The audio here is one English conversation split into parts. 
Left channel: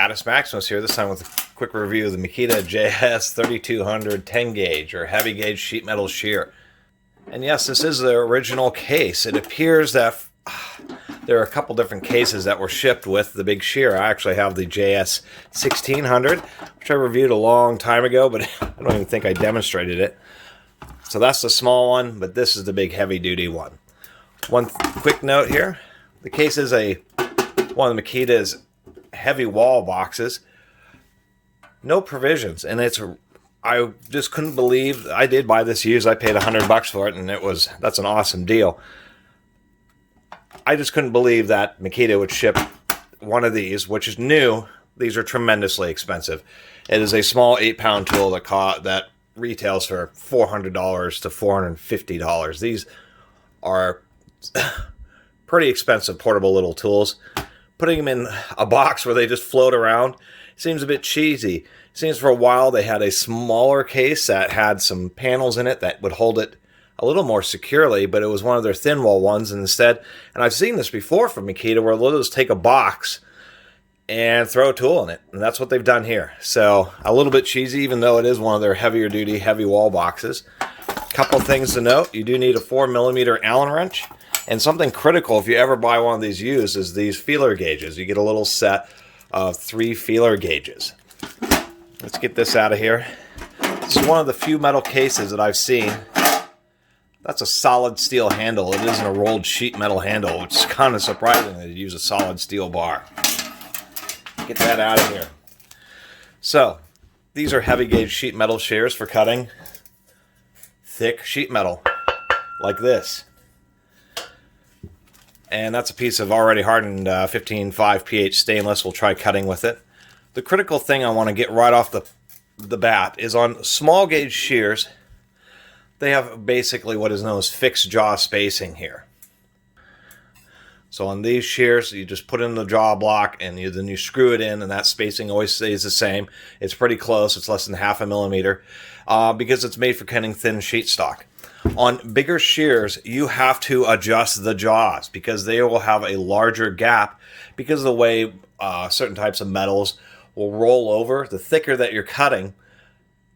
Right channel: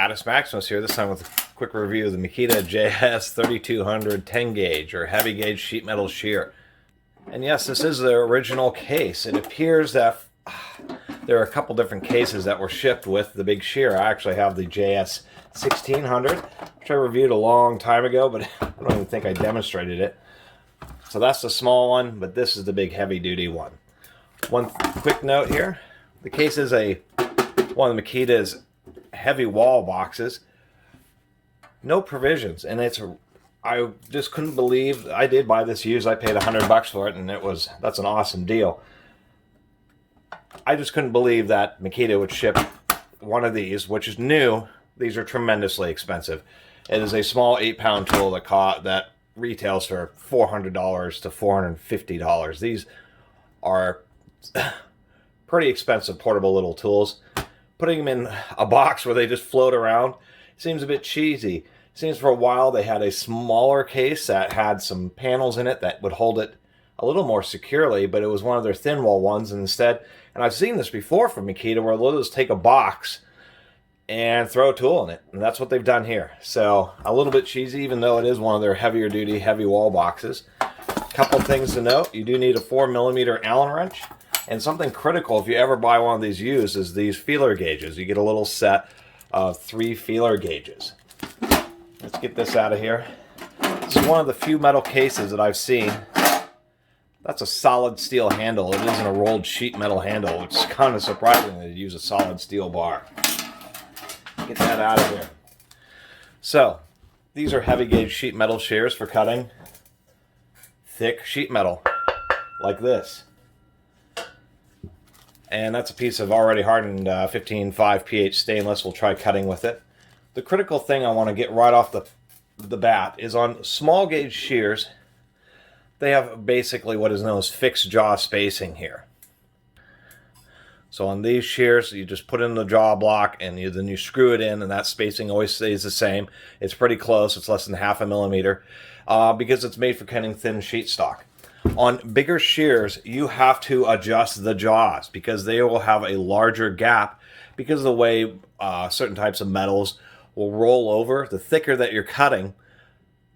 Catus, Maximus here, this time with a quick review of the Makita JS 3200 10 gauge or heavy gauge sheet metal shear. And yes, this is the original case. It appears that there are a couple different cases that were shipped with the big shear. I actually have the JS 1600, which I reviewed a long time ago, but I don't even think I demonstrated it. So that's the small one, but this is the big heavy duty one. One quick note here, the case is one of the Makita's heavy wall boxes, no provisions, and I just couldn't believe. I did buy this used. I paid $100 for it, and that's an awesome deal. I just couldn't believe that Makita would ship one of these, which is new. These are tremendously expensive. It is a small 8-pound tool that retails for $400 to $450. These are pretty expensive portable little tools. Putting them in a box where they just float around seems a bit cheesy. Seems for a while they had a smaller case that had some panels in it that would hold it a little more securely, but it was one of their thin wall ones instead. And I've seen this before from Makita where they'll just take a box and throw a tool in it, and that's what they've done here. So a little bit cheesy, even though it is one of their heavier duty heavy wall boxes. Couple things to note: you do need a 4mm Allen wrench. And something critical if you ever buy one of these used is these feeler gauges. You get a little set of 3 feeler gauges. Let's get this out of here. This is one of the few metal cases that I've seen. That's a solid steel handle. It isn't a rolled sheet metal handle, which is kind of surprising that you use a solid steel bar. Get that out of here. So, these are heavy gauge sheet metal shears for cutting thick sheet metal like this. And that's a piece of already hardened 15.5 pH stainless. We'll try cutting with it. The critical thing I want to get right off the bat is on small gauge shears, they have basically what is known as fixed jaw spacing here. So on these shears, you just put in the jaw block and then you screw it in, and that spacing always stays the same. It's pretty close. It's less than 0.5 millimeter because it's made for cutting thin sheet stock. On bigger shears, you have to adjust the jaws because they will have a larger gap because of the way certain types of metals will roll over. The thicker that you're cutting,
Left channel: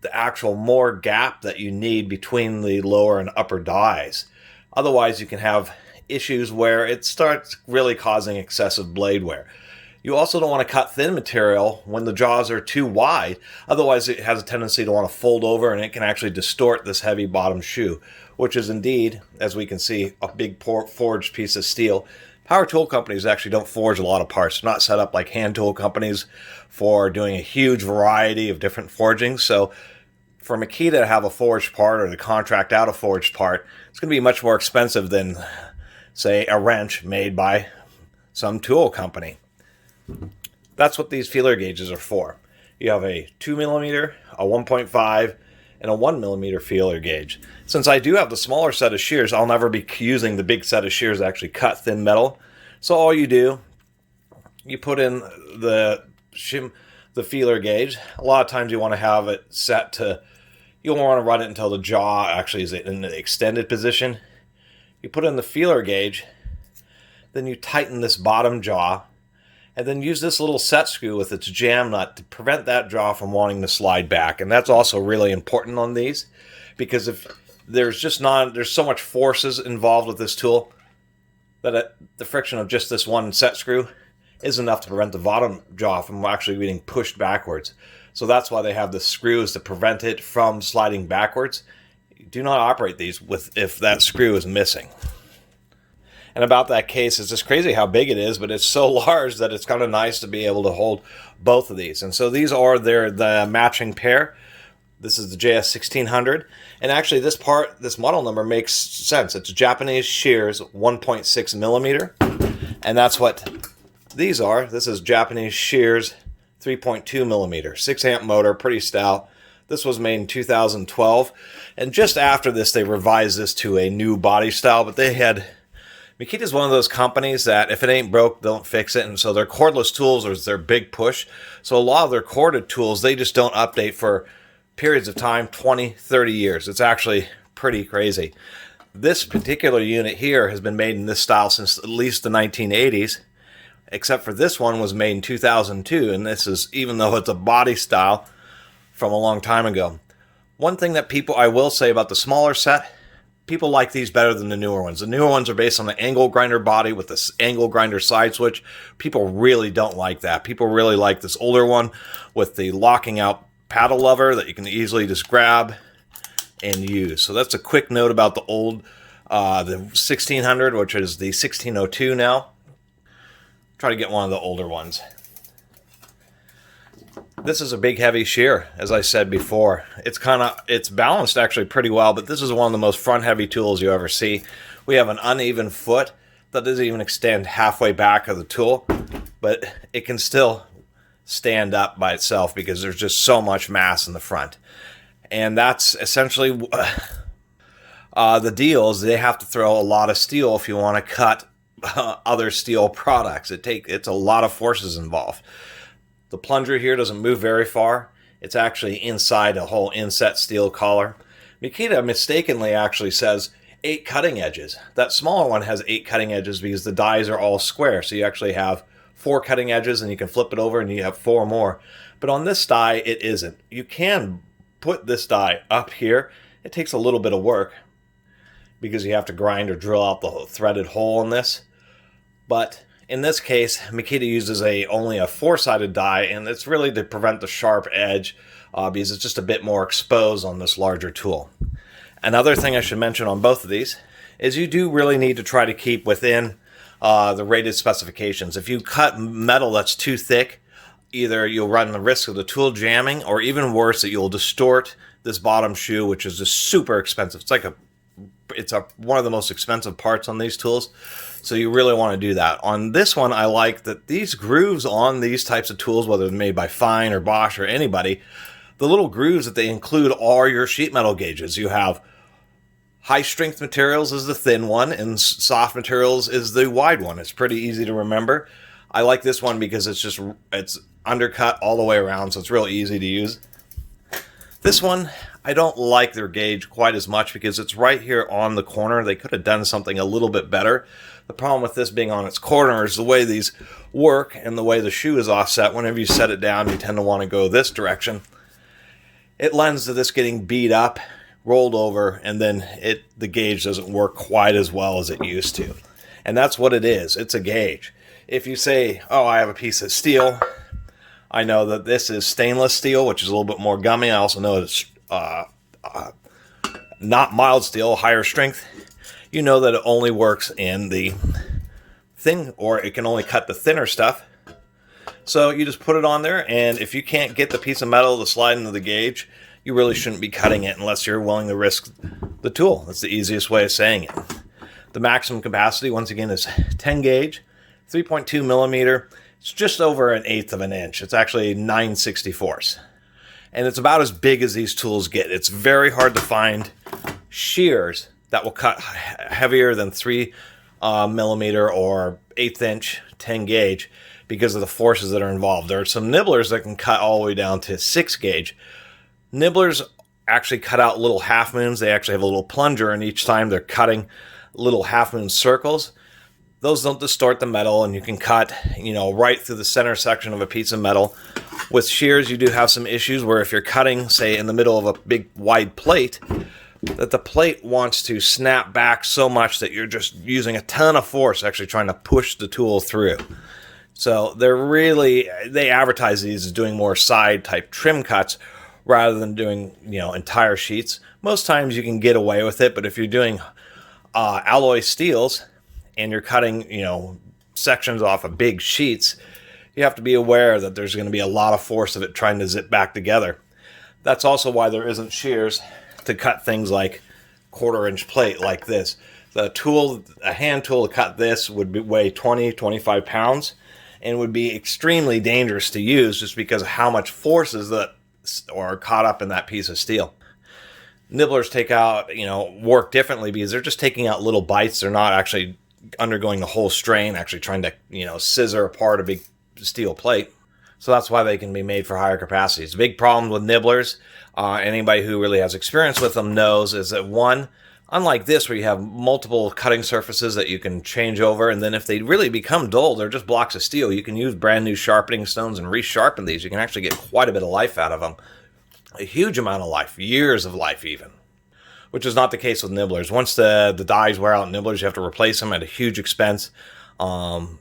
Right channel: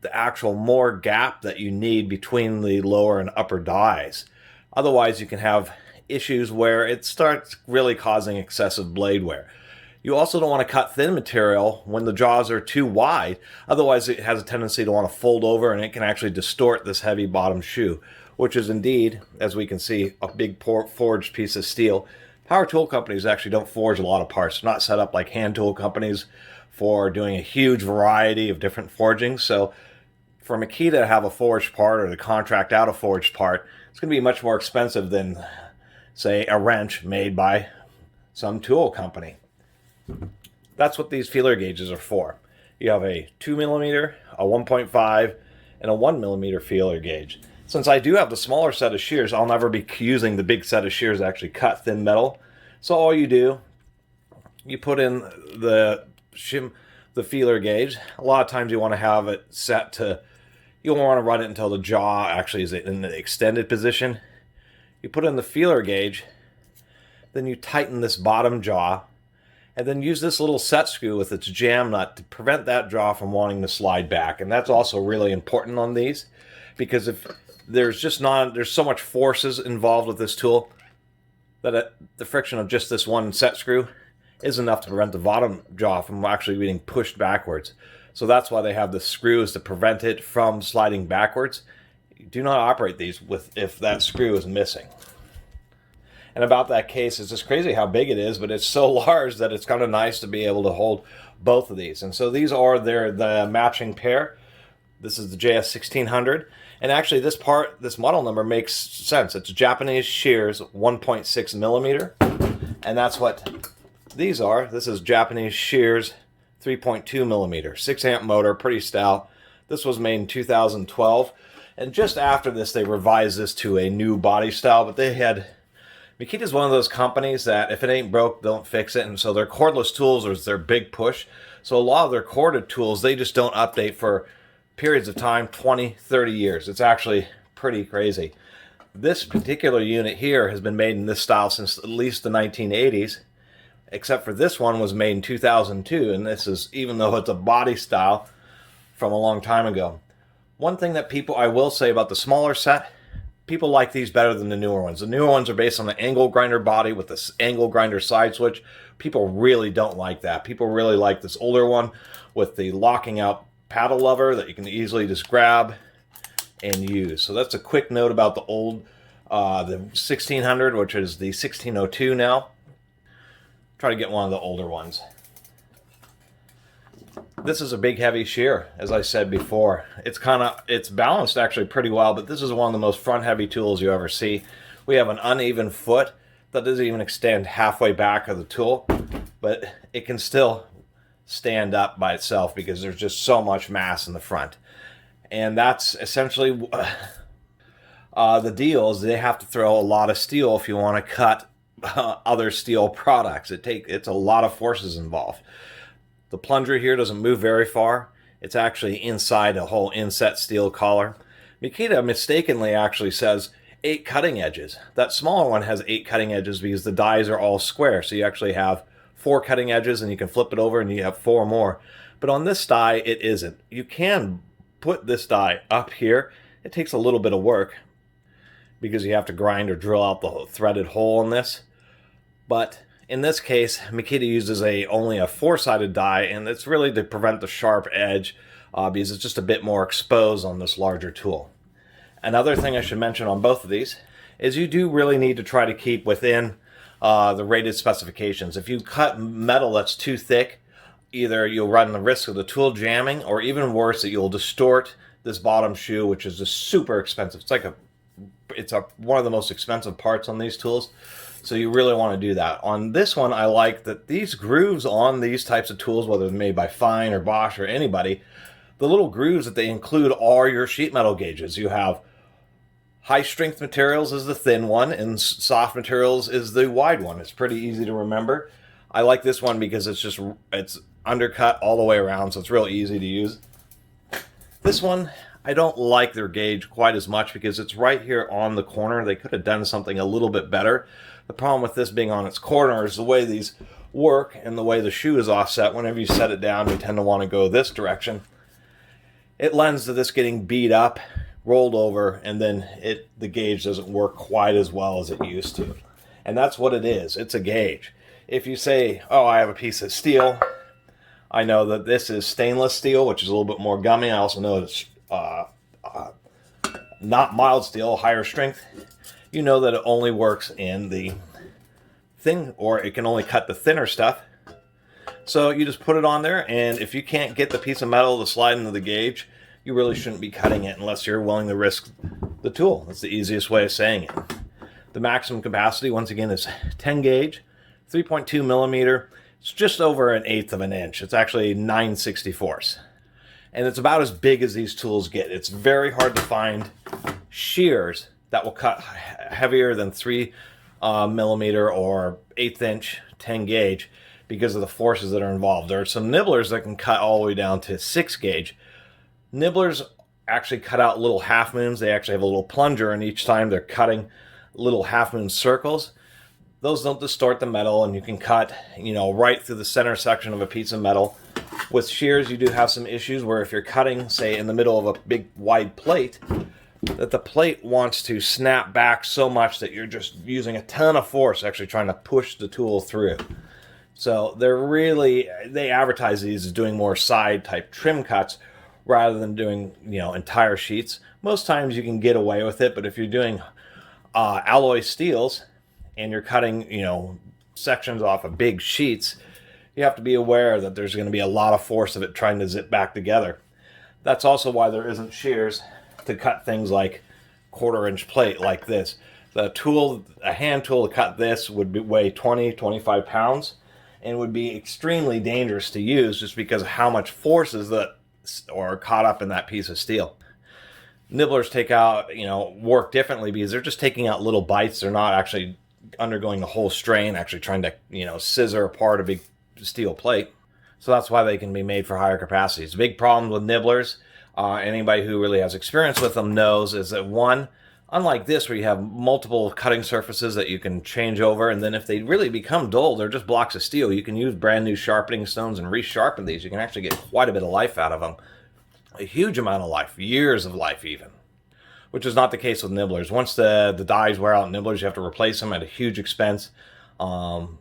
the actual more gap that you need between the lower and upper dies. Otherwise, you can have issues where it starts really causing excessive blade wear. You also don't want to cut thin material when the jaws are too wide. Otherwise, it has a tendency to want to fold over, and it can actually distort this heavy bottom shoe, which is indeed, as we can see, a big forged piece of steel. Power tool companies actually don't forge a lot of parts. They're not set up like hand tool companies for doing a huge variety of different forgings. So for Makita to have a forged part or to contract out a forged part, it's going to be much more expensive than, say, a wrench made by some tool company. That's what these feeler gauges are for. You have a 2mm, a 1.5, and a 1mm feeler gauge. Since I do have the smaller set of shears, I'll never be using the big set of shears to actually cut thin metal. So all you do, you put in the feeler gauge. A lot of times you want to have it set to, you don't want to run it until the jaw actually is in the extended position. You put in the feeler gauge, then you tighten this bottom jaw, and then use this little set screw with its jam nut to prevent that jaw from wanting to slide back. And that's also really important on these, because if there's so much forces involved with this tool that the friction of just this one set screw is enough to prevent the bottom jaw from actually being pushed backwards. So that's why they have the screws to prevent it from sliding backwards. You do not operate these if that screw is missing. And about that case, it's just crazy how big it is, but it's so large that it's kind of nice to be able to hold both of these. And so these are the matching pair. This is the JS 1600. And actually this model number makes sense. It's Japanese Shears 1.6mm. And that's what these are. This is Japanese Shears 3.2mm. 6-amp motor, pretty stout. This was made in 2012. And just after this, they revised this to a new body style. But Makita is one of those companies that if it ain't broke, don't fix it. And so their cordless tools is their big push. So a lot of their corded tools, they just don't update for periods of time, 20, 30 years. It's actually pretty crazy. This particular unit here has been made in this style since at least the 1980s. except for this one was made in 2002, and this is, even though it's a body style, from a long time ago. One thing that I will say about the smaller set, people like these better than the newer ones. The newer ones are based on the angle grinder body with this angle grinder side switch. People really don't like that. People really like this older one with the locking out paddle lever that you can easily just grab and use. So that's a quick note about the old, the 1600, which is the 1602 now. Try to get one of the older ones. This is a big heavy shear, as I said before. It's balanced actually pretty well, but this is one of the most front heavy tools you ever see. We have an uneven foot that doesn't even extend halfway back of the tool, but it can still stand up by itself because there's just so much mass in the front. And that's essentially the deal is they have to throw a lot of steel if you want to cut other steel products. It's a lot of forces involved. The plunger here doesn't move very far. It's actually inside a whole inset steel collar. Makita mistakenly actually says 8 cutting edges. That smaller one has 8 cutting edges because the dies are all square. So you actually have 4 cutting edges and you can flip it over and you have 4 more. But on this die, it isn't. You can put this die up here. It takes a little bit of work because you have to grind or drill out the threaded hole in this. But in this case, Makita uses only a 4-sided die, and it's really to prevent the sharp edge because it's just a bit more exposed on this larger tool. Another thing I should mention on both of these is you do really need to try to keep within the rated specifications. If you cut metal that's too thick, either you'll run the risk of the tool jamming, or even worse, that you'll distort this bottom shoe, which is just super expensive. It's one of the most expensive parts on these tools. So you really want to do that. On this one, I like that these grooves on these types of tools, whether they're made by Fine or Bosch or anybody, the little grooves that they include are your sheet metal gauges. You have high strength materials is the thin one, and soft materials is the wide one. It's pretty easy to remember. I like this one because it's undercut all the way around, so it's real easy to use. This one, I don't like their gauge quite as much because it's right here on the corner. They could have done something a little bit better. The problem with this being on its corner is the way these work and the way the shoe is offset. Whenever you set it down, you tend to want to go this direction. It lends to this getting beat up, rolled over, and then the gauge doesn't work quite as well as it used to. And that's what it is. It's a gauge. If you say, oh, I have a piece of steel, I know that this is stainless steel, which is a little bit more gummy. I also know it's not mild steel, higher strength. You know that it only works in the thing, or it can only cut the thinner stuff. So you just put it on there, and if you can't get the piece of metal to slide into the gauge, you really shouldn't be cutting it unless you're willing to risk the tool. That's the easiest way of saying it. The maximum capacity, once again, is 10 gauge, 3.2 millimeter. It's just over 1/8 of an inch. It's actually 9/64. And it's about as big as these tools get. It's very hard to find shears that will cut heavier than 3 millimeter or 1/8 inch 10 gauge because of the forces that are involved. There are some nibblers that can cut all the way down to 6 gauge. Nibblers actually cut out little half moons. They actually have a little plunger, and each time they're cutting little half moon circles. Those don't distort the metal, and you can cut, right through the center section of a piece of metal. With shears, you do have some issues where if you're cutting, say, in the middle of a big wide plate, that the plate wants to snap back so much that you're just using a ton of force actually trying to push the tool through. So they advertise these as doing more side type trim cuts rather than doing, entire sheets. Most times you can get away with it, but if you're doing alloy steels and you're cutting, sections off of big sheets, you have to be aware that there's going to be a lot of force of it trying to zip back together. That's also why there isn't shears to cut things like 1/4 inch plate like this. A hand tool to cut this would weigh 20, 25 pounds and would be extremely dangerous to use just because of how much forces that are caught up in that piece of steel. Nibblers work differently because they're just taking out little bites. They're not actually undergoing the whole strain, actually trying to, scissor apart a big steel plate. So that's why they can be made for higher capacities. The big problem with nibblers, anybody who really has experience with them knows, is that one, Unlike this, where you have multiple cutting surfaces that you can change over, and then if they really become dull, they're just blocks of steel. You can use brand new sharpening stones and resharpen these. You can actually get quite a bit of life out of them. A huge amount of life, years of life even. Which is not the case with nibblers. Once the dies wear out nibblers, you have to replace them at a huge expense. And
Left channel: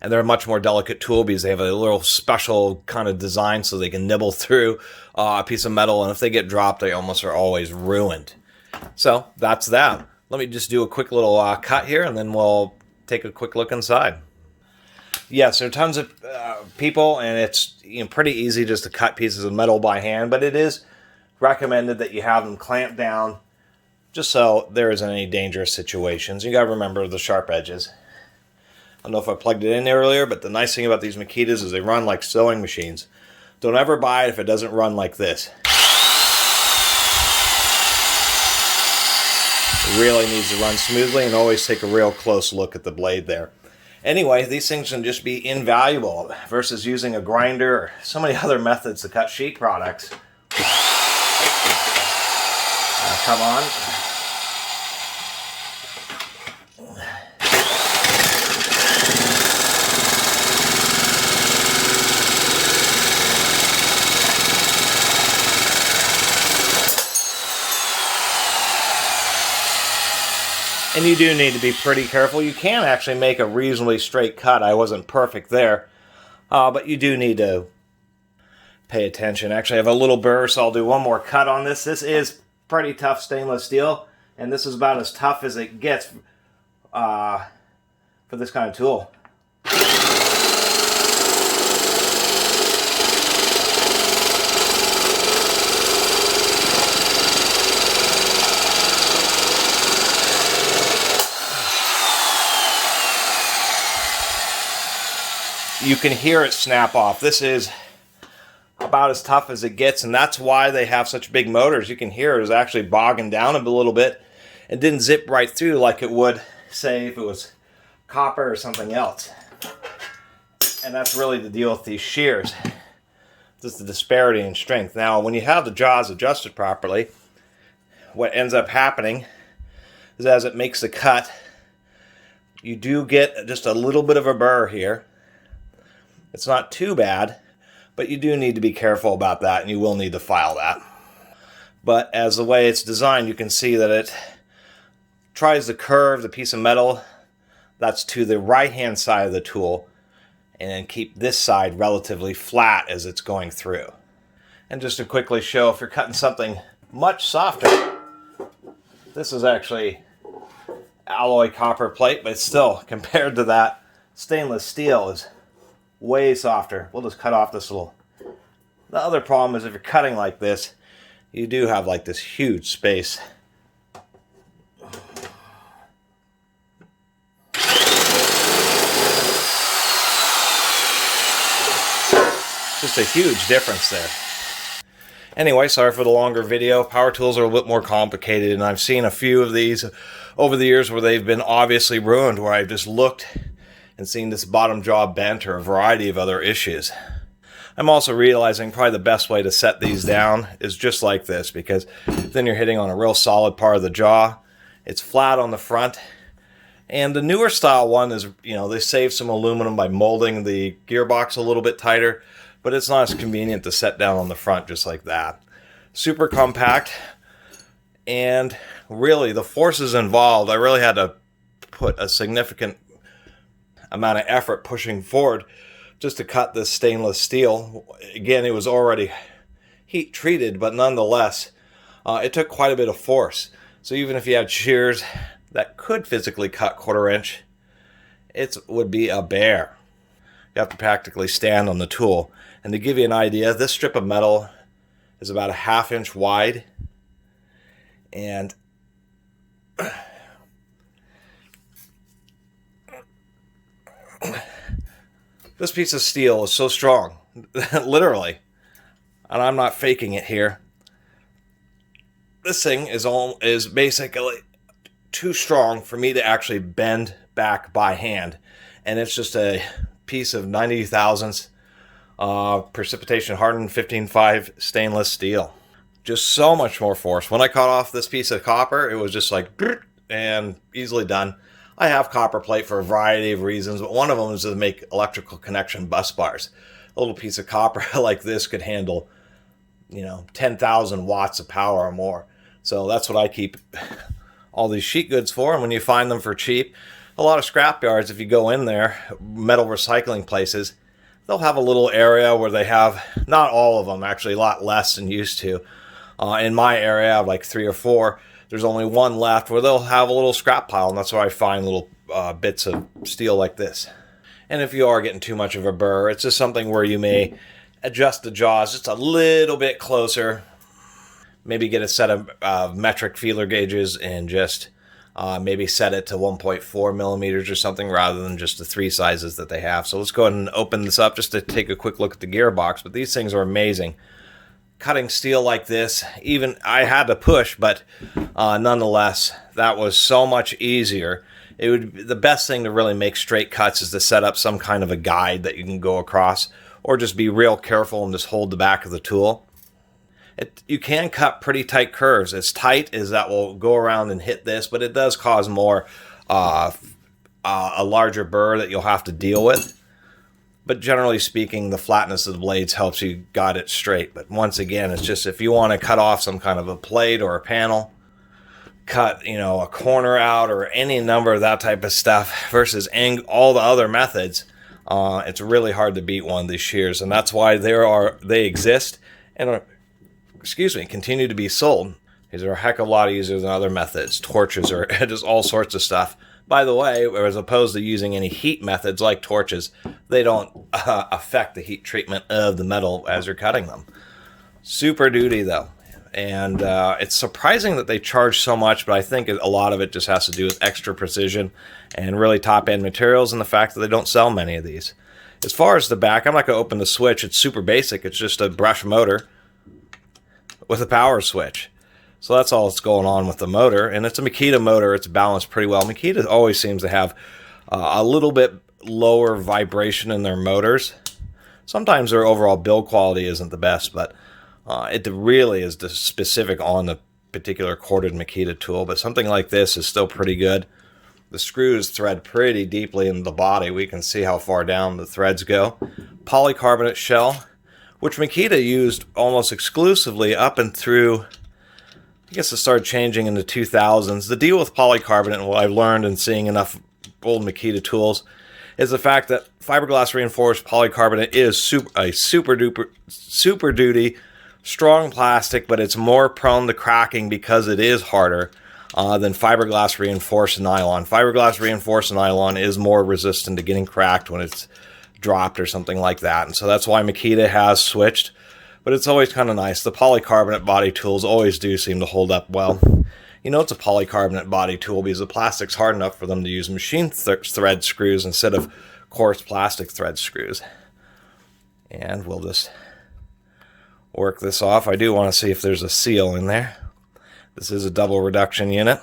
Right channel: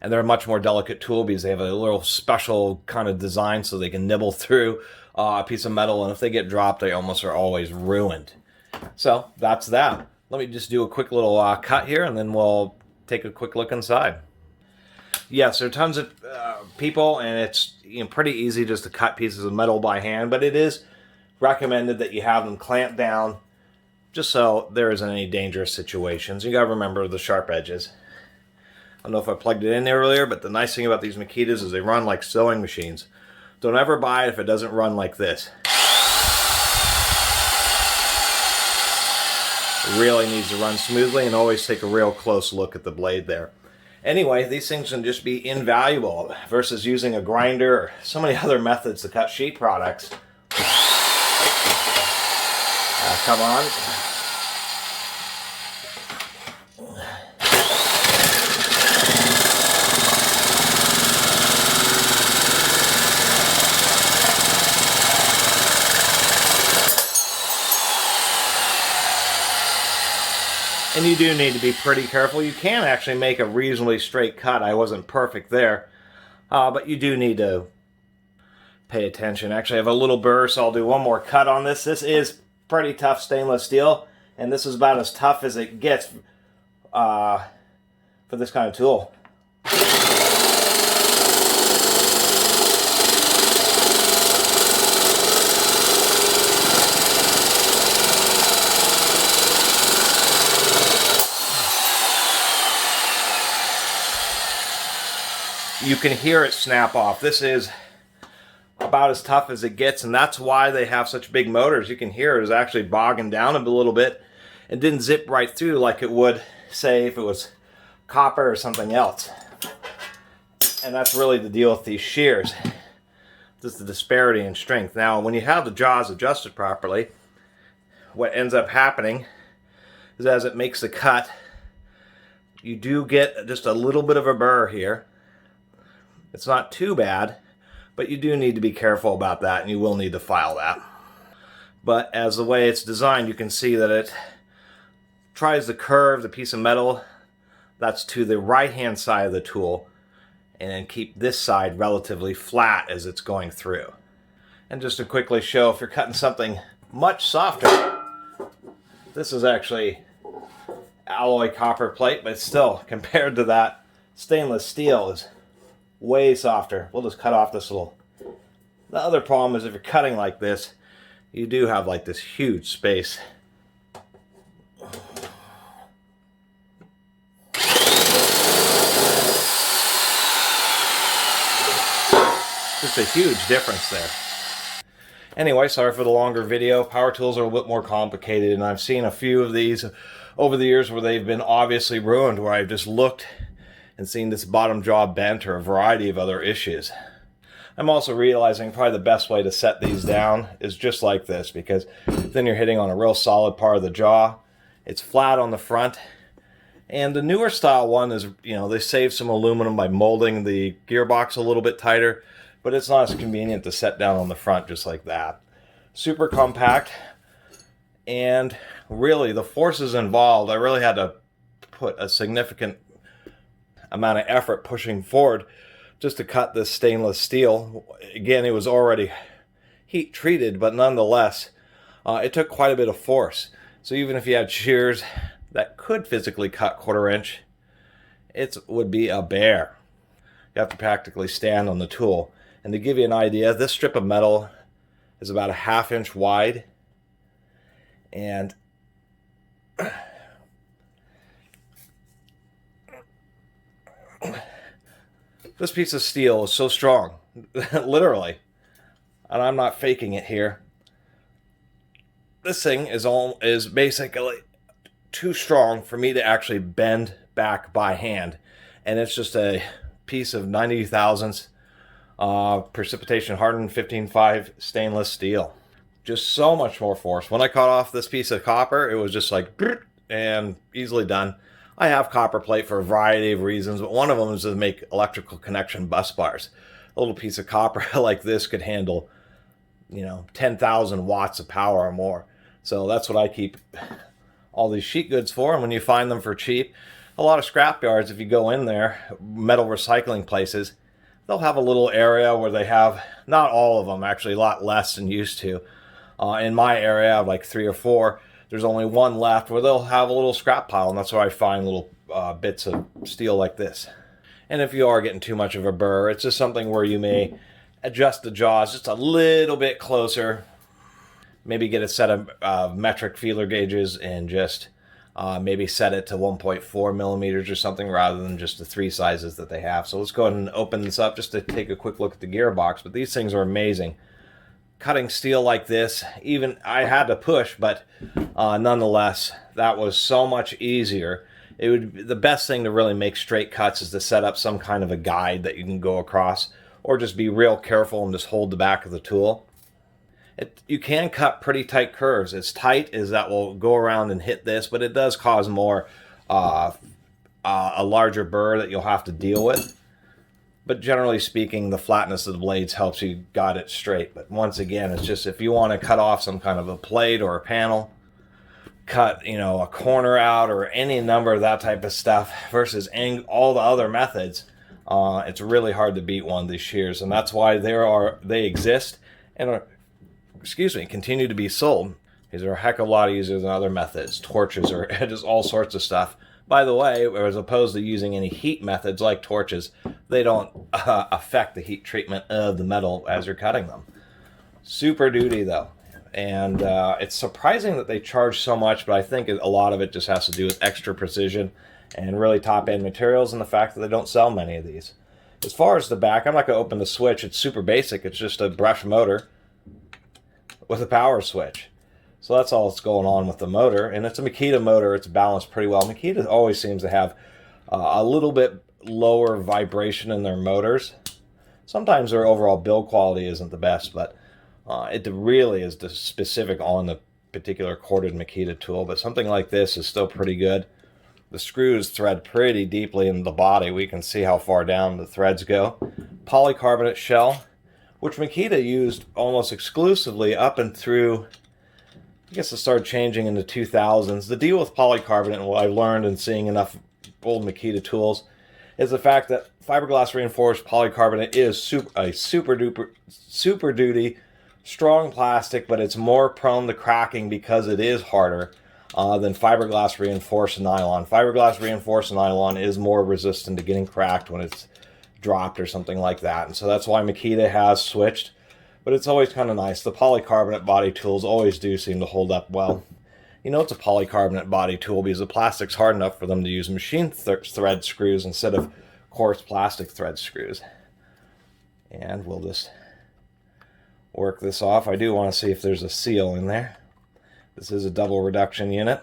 they're a much more delicate tool because they have a little special kind of design so they can nibble through a piece of metal, and if they get dropped, they almost are always ruined. So that's that. Let me just do a quick little cut here, and then we'll take a quick look inside. Yes, there are tons of people, and it's pretty easy just to cut pieces of metal by hand, but it is recommended that you have them clamped down just so there isn't any dangerous situations. You got to remember the sharp edges. I don't know if I plugged it in there earlier, but the nice thing about these Makitas is they run like sewing machines. Don't ever buy it if it doesn't run like this. It really needs to run smoothly, and always take a real close look at the blade there. Anyway, these things can just be invaluable versus using a grinder or so many other methods to cut sheet products. Come on. And you do need to be pretty careful. You can actually make a reasonably straight cut. I wasn't perfect there. But you do need to pay attention. Actually, I have a little burr, so I'll do one more cut on this. This is pretty tough stainless steel, and this is about as tough as it gets for this kind of tool. You can hear it snap off. This is about as tough as it gets, and that's why they have such big motors. You can hear it is actually bogging down a little bit and didn't zip right through like it would, say, if it was copper or something else. And that's really the deal with these shears. Just the disparity in strength. Now, when you have the jaws adjusted properly, what ends up happening is as it makes the cut, you do get just a little bit of a burr here. It's not too bad, but you do need to be careful about that, and you will need to file that. But as the way it's designed, you can see that it tries to curve the piece of metal that's to the right-hand side of the tool, and then keep this side relatively flat as it's going through. And just to quickly show, if you're cutting something much softer, this is actually alloy copper plate, but still, compared to that, stainless steel is way softer. We'll just cut off this little. The other problem is if you're cutting like this, you do have like this huge space. Just a huge difference there. Anyway, sorry for the longer video. Power tools are a bit more complicated, and I've seen a few of these over the years where they've been obviously ruined, where I've just looked and seen this bottom jaw bent or a variety of other issues. I'm also realizing probably the best way to set these down is just like this, because then you're hitting on a real solid part of the jaw. It's flat on the front. And the newer style one is, they save some aluminum by molding the gearbox a little bit tighter, but it's not as convenient to set down on the front just like that. Super compact, and really the forces involved, I really had to put a significant amount of effort pushing forward just to cut this stainless steel. Again, it was already heat treated, but nonetheless, it took quite a bit of force. So even if you had shears that could physically cut 1/4 inch, it would be a bear. You have to practically stand on the tool. And to give you an idea, this strip of metal is about a 1/2 inch wide, and this piece of steel is so strong, literally, and I'm not faking it here. This thing is basically too strong for me to actually bend back by hand, and it's just a piece of 90 thousandths precipitation hardened 15.5 stainless steel. just so much more force. When I cut off this piece of copper, it was just like, and easily done. I have copper plate for a variety of reasons, but one of them is to make electrical connection bus bars. A little piece of copper like this could handle, 10,000 watts of power or more. So that's what I keep all these sheet goods for. And when you find them for cheap, a lot of scrap yards, if you go in there, metal recycling places, they'll have a little area where they have, not all of them, actually a lot less than used to. In my area, I have like 3 or 4. There's only one left where they'll have a little scrap pile, and that's where I find little bits of steel like this. And if you are getting too much of a burr, it's just something where you may adjust the jaws just a little bit closer. Maybe get a set of metric feeler gauges and just maybe set it to 1.4 millimeters or something rather than just the 3 sizes that they have. So let's go ahead and open this up just to take a quick look at the gearbox. But these things are amazing. Cutting steel like this, even I had to push, but nonetheless, that was so much easier. It would the best thing to really make straight cuts is to set up some kind of a guide that you can go across, or just be real careful and just hold the back of the tool. You can cut pretty tight curves. It's tight as that will go around and hit this, but it does cause more a larger burr that you'll have to deal with. But generally speaking, the flatness of the blades helps you guide it straight. But once again, it's just if you want to cut off some kind of a plate or a panel, cut a corner out or any number of that type of stuff versus all the other methods, it's really hard to beat one of these shears, and that's why they exist and are, continue to be sold. These are a heck of a lot easier than other methods, torches, or just all sorts of stuff. By the way, as opposed to using any heat methods like torches, they don't affect the heat treatment of the metal as you're cutting them. Super duty though. And it's surprising that they charge so much, but I think a lot of it just has to do with extra precision and really top-end materials and the fact that they don't sell many of these. As far as the back, I'm not going to open the switch. It's super basic. It's just a brush motor with a power switch. So that's all that's going on with the motor. And it's a Makita motor. It's balanced pretty well. Makita always seems to have a little bit lower vibration in their motors. Sometimes their overall build quality isn't the best, but it really is specific on the particular corded Makita tool. But something like this is still pretty good. The screws thread pretty deeply in the body. We can see how far down the threads go. Polycarbonate shell, which Makita used almost exclusively up and through, I guess it started changing in the 2000s. The deal with polycarbonate, and what I've learned in seeing enough old Makita tools, is the fact that fiberglass reinforced polycarbonate is super duty, strong plastic, but it's more prone to cracking because it is harder than fiberglass reinforced nylon. Fiberglass reinforced nylon is more resistant to getting cracked when it's dropped or something like that. And so that's why Makita has switched. But it's always kind of nice. The polycarbonate body tools always do seem to hold up well. It's a polycarbonate body tool because the plastic's hard enough for them to use machine thread screws instead of coarse plastic thread screws. And we'll just work this off. I do want to see if there's a seal in there. This is a double reduction unit.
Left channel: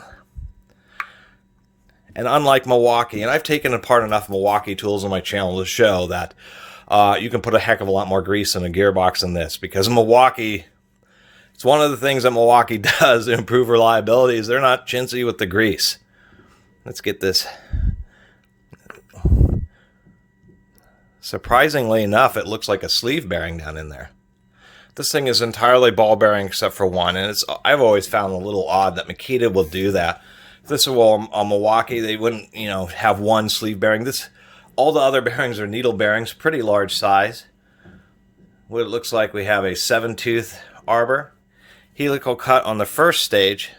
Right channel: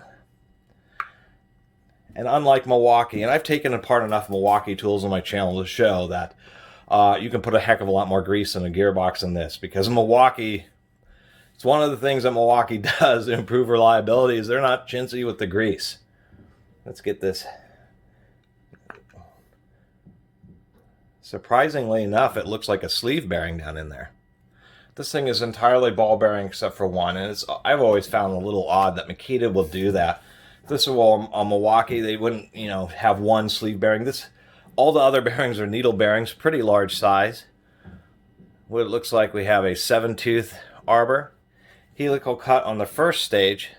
And unlike Milwaukee, and I've taken apart enough Milwaukee tools on my channel to show that you can put a heck of a lot more grease in a gearbox than this, because Milwaukee, it's one of the things that Milwaukee does to improve reliability is they're not chintzy with the grease. Let's get this. Surprisingly enough, it looks like a sleeve bearing down in there. This thing is entirely ball bearing except for one, and I've always found a little odd that Makita will do that. If this were a Milwaukee, they wouldn't, have one sleeve bearing. All the other bearings are needle bearings, pretty large size. What it looks like, we have a 7-tooth arbor, helical cut on the first stage,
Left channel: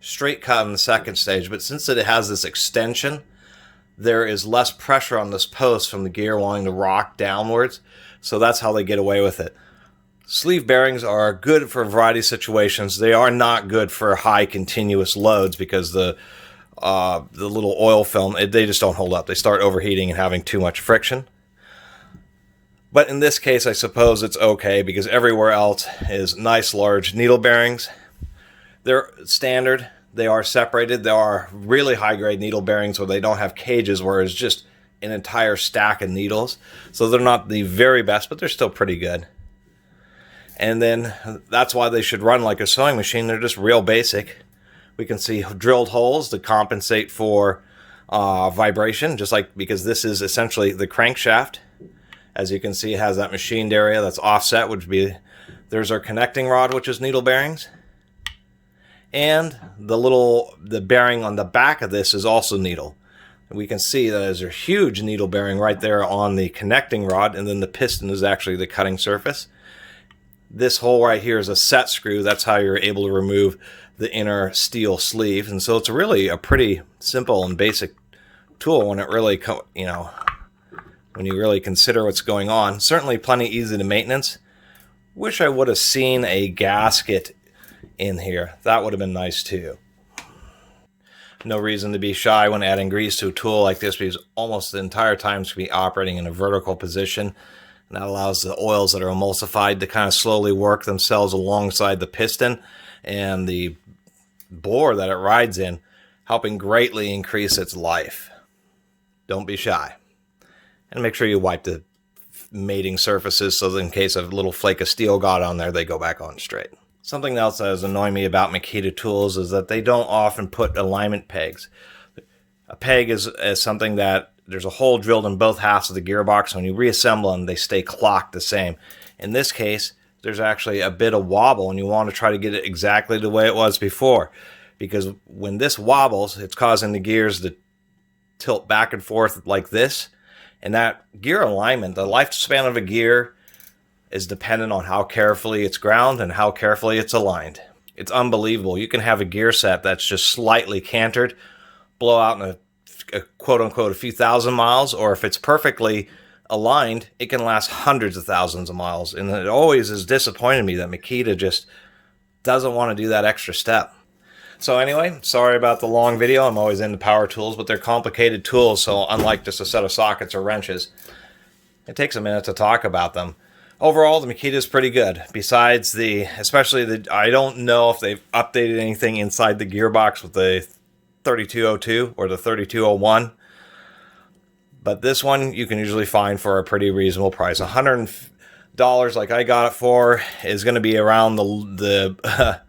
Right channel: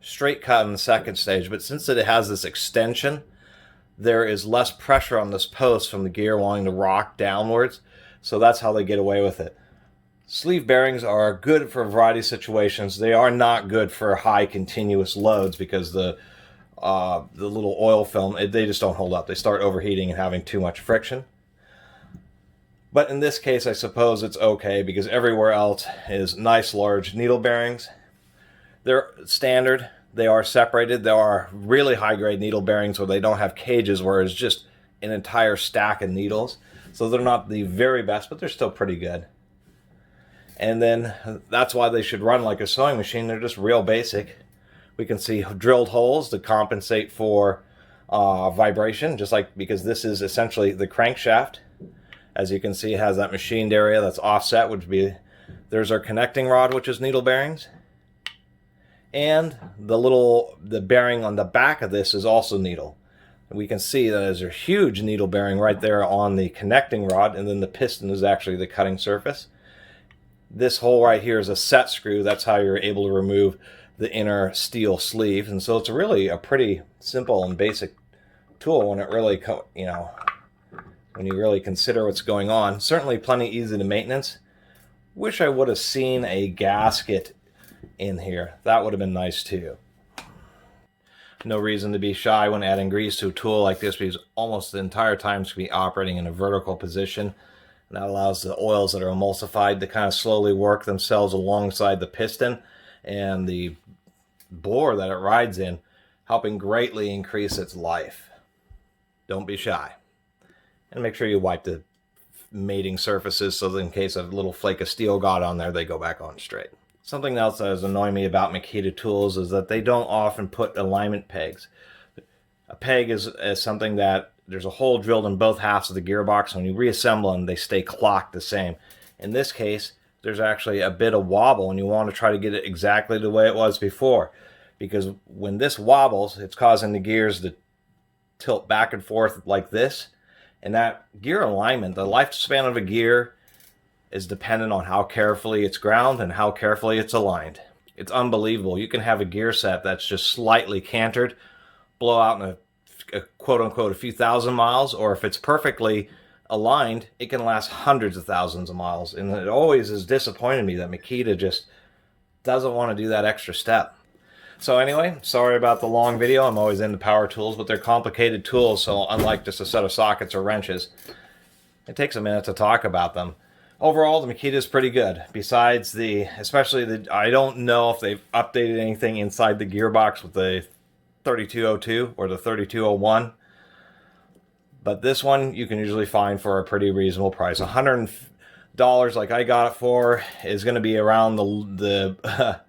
straight cut on the second stage. But since it has this extension, there is less pressure on this post from the gear wanting to rock downwards. So that's how they get away with it. Sleeve bearings are good for a variety of situations. They are not good for high continuous loads because the little oil film, they just don't hold up. They start overheating and having too much friction. But in this case, I suppose it's okay because everywhere else is nice large needle bearings. They're standard. They are separated. There are really high-grade needle bearings where they don't have cages, where it's just an entire stack of needles. So they're not the very best, but they're still pretty good. And then that's why they should run like a sewing machine. They're just real basic. We can see drilled holes to compensate for vibration, just like, because this is essentially the crankshaft. As you can see, it has that machined area that's offset, which would be, there's our connecting rod, which is needle bearings. And the bearing on the back of this is also needle. We can see that there's a huge needle bearing right there on the connecting rod, and then the piston is actually the cutting surface. This hole right here is a set screw. That's how you're able to remove the inner steel sleeve. And so it's really a pretty simple and basic tool when it really, when you really consider what's going on. Certainly plenty easy to maintenance. Wish I would have seen a gasket in here. That would have been nice too. No reason to be shy when adding grease to a tool like this, because almost the entire time it's going to be operating in a vertical position. And that allows the oils that are emulsified to kind of slowly work themselves alongside the piston and the bore that it rides in, helping greatly increase its life. Don't be shy. And make sure you wipe the mating surfaces so that in case a little flake of steel got on there, they go back on straight. Something else that is annoying me about Makita tools is that they don't often put alignment pegs. A peg is something that there's a hole drilled in both halves of the gearbox. When you reassemble them, they stay clocked the same. In this case, there's actually a bit of wobble, and you want to try to get it exactly the way it was before. Because when this wobbles, it's causing the gears to tilt back and forth like this. And that gear alignment, the lifespan of a gear, is dependent on how carefully it's ground and how carefully it's aligned. It's unbelievable. You can have a gear set that's just slightly cantered, blow out in a quote-unquote a few thousand miles, or if it's perfectly aligned, it can last hundreds of thousands of miles. And it always has disappointed me that Makita just doesn't want to do that extra step. So anyway, sorry about the long video. I'm always into power tools, but they're complicated tools, so unlike just a set of sockets or wrenches, it takes a minute to talk about them. Overall, the Makita is pretty good. Besides I don't know if they've updated anything inside the gearbox with the 3202 or the 3201. But this one you can usually find for a pretty reasonable price. $100 like I got it for is going to be around the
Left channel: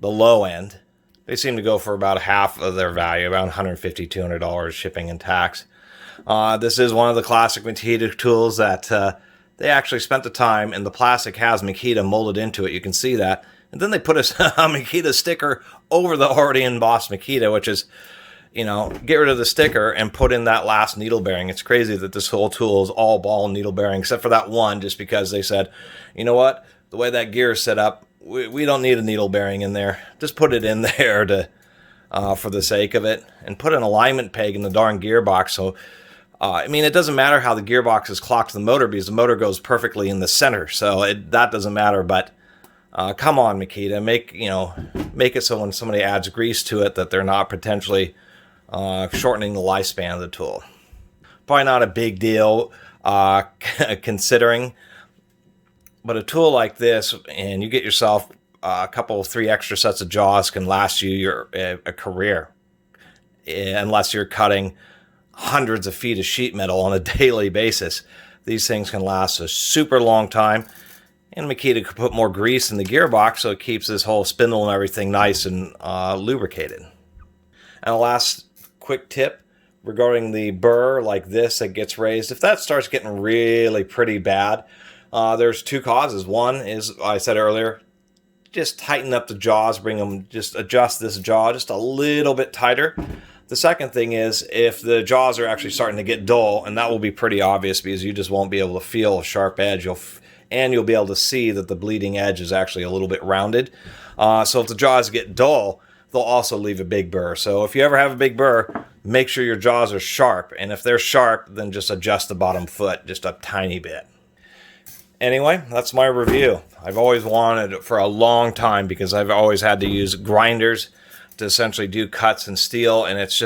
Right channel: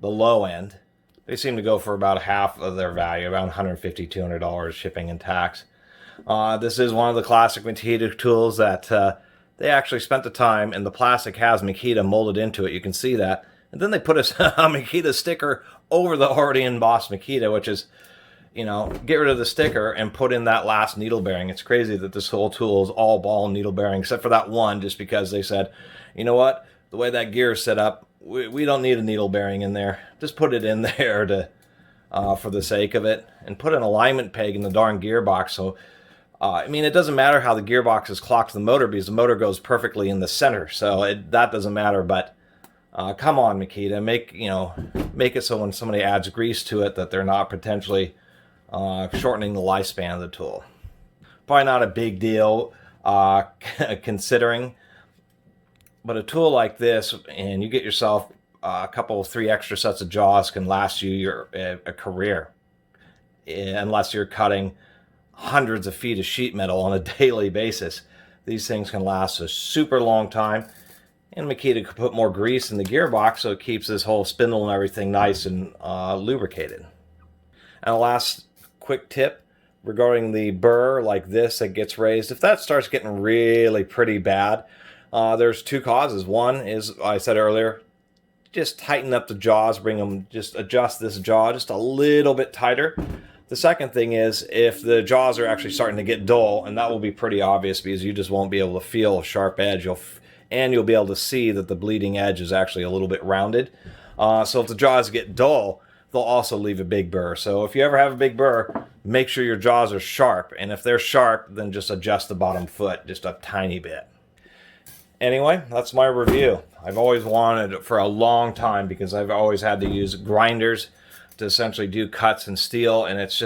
low end. They seem to go for about half of their value, around $150, $200 shipping and tax. This is one of the classic Makita tools that they actually spent the time, and the plastic has Makita molded into it. You can see that. And then they put a Makita sticker over the already embossed Makita, which is, get rid of the sticker and put in that last needle bearing. It's crazy that this whole tool is all ball needle bearing, except for that one, just because they said, you know what, the way that gear is set up, we don't need a needle bearing in there. Just put it in there to for the sake of it, and put an alignment peg in the darn gearbox. So, it doesn't matter how the gearbox is clocked to the motor, because the motor goes perfectly in the center. So that doesn't matter. But come on, Makita, make it so when somebody adds grease to it that they're not potentially shortening the lifespan of the tool. Probably not a big deal considering, but a tool like this, and you get yourself a couple, 3 extra sets of jaws, can last you a career, unless you're cutting hundreds of feet of sheet metal on a daily basis. These things can last a super long time, and Makita could put more grease in the gearbox so it keeps this whole spindle and everything nice and lubricated. And a last quick tip regarding the burr like this that gets raised. If that starts getting really pretty bad, there's 2 causes. One is, I said earlier, just tighten up the jaws, just adjust this jaw just a little bit tighter. The second thing is, if the jaws are actually starting to get dull, and that will be pretty obvious because you just won't be able to feel a sharp edge, you'll be able to see that the bleeding edge is actually a little bit rounded. So if the jaws get dull, they'll also leave a big burr. So if you ever have a big burr, make sure your jaws are sharp. And if they're sharp, then just adjust the bottom foot just a tiny bit. Anyway, that's my review. I've always wanted it for a long time because I've always had to use grinders to essentially do cuts in steel, and it's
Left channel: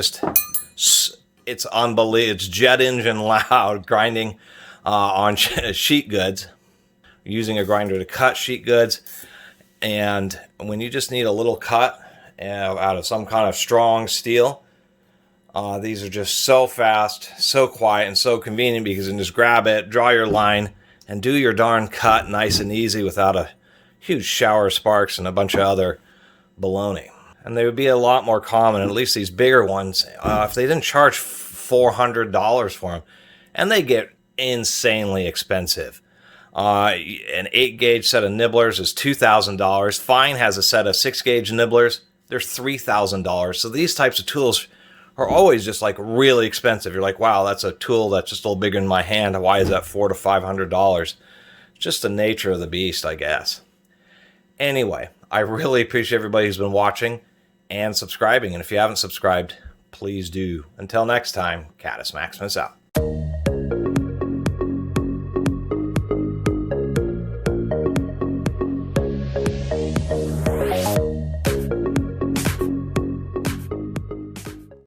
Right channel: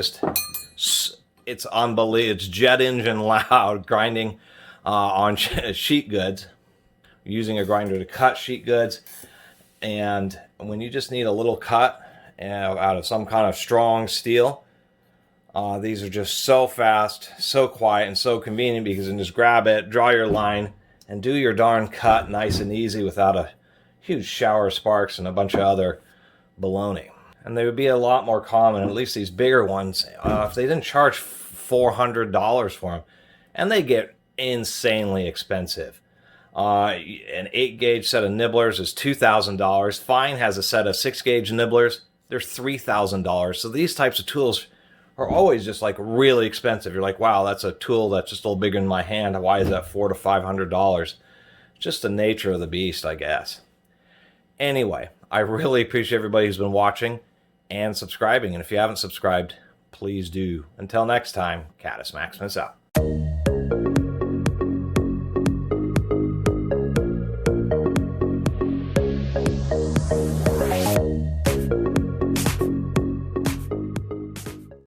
unbelievable. It's jet engine loud grinding on sheet goods, using a grinder to cut sheet goods. And when you just need a little cut out of some kind of strong steel, these are just so fast, so quiet, and so convenient, because you can just grab it, draw your line, and do your darn cut nice and easy without huge shower sparks and a bunch of other baloney. And they would be a lot more common, at least these bigger ones, if they didn't charge $400 for them. And they get insanely expensive. An 8-gauge set of nibblers is $2,000. Fine has a set of 6-gauge nibblers. They're $3,000. So these types of tools are always just like really expensive. You're like, wow, that's a tool that's just a little bigger in my hand. Why is that $400 to $500? Just the nature of the beast, I guess. Anyway, I really appreciate everybody who's been watching and subscribing. And if you haven't subscribed, please do. Until next time, Catus Maximus out.